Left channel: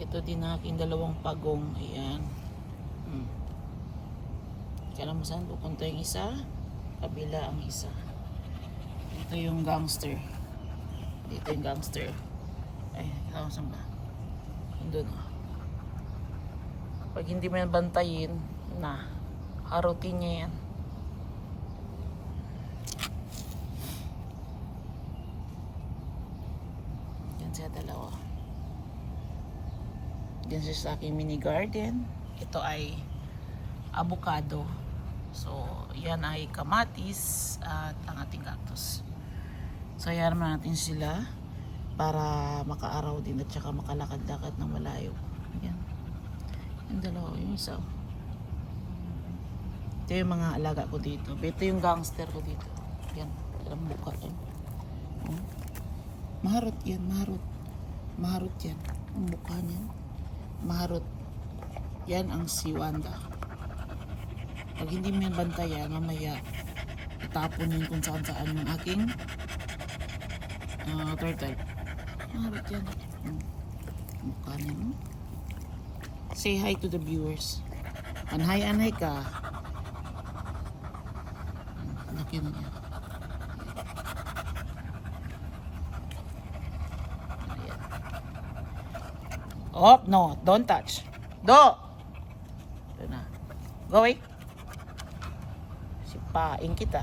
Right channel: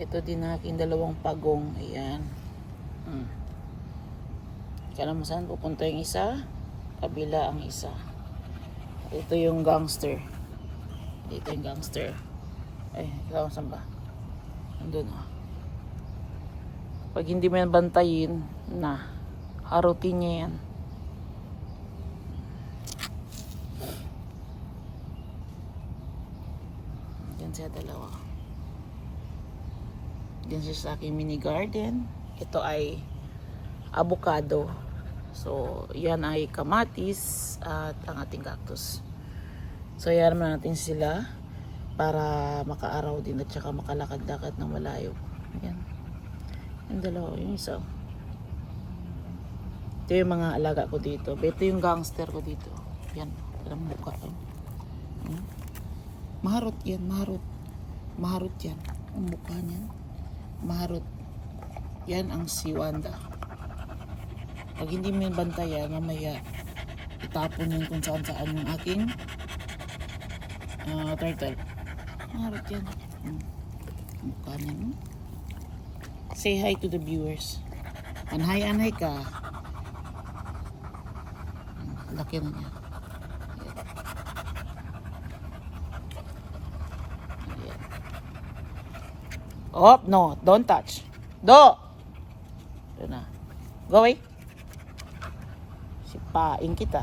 Ito din aking dalawang pagong. Ayan. Kala mo saan pupunta yung isa? Kabila ang isa. Ito yung gangster. Dito yung gangster. Kala mo saan ba? Andun. Pag hindi mo yan bantayin, arutin niya yan. Yan siya dalawa. Yan siya sa aking mini garden. Ito ay avocado. So, yan ay kamatis at ang ating cactus. So, yan naman natin sila para makaaraw din at saka makalakad-lakad ng malayo. Yan. Yung dalawa, yung isa. Ito yung mga alaga ko dito. Ito yung gangster ko dito. Yan. Ang mukha yan. Maharot yan, maharot. Maharot yan. Ang mukha niya. Maharot. Yan ang si Wanda. Pag hindi mo yung bantayan, mamaya itapon yung kung saan yung aking turtle. Maharot yan. Mukha niya. Say hi to the viewers. Anhay-anhay ka. Laki na niya. Oh, no. Don't touch. Do! Go away. Sipain kita.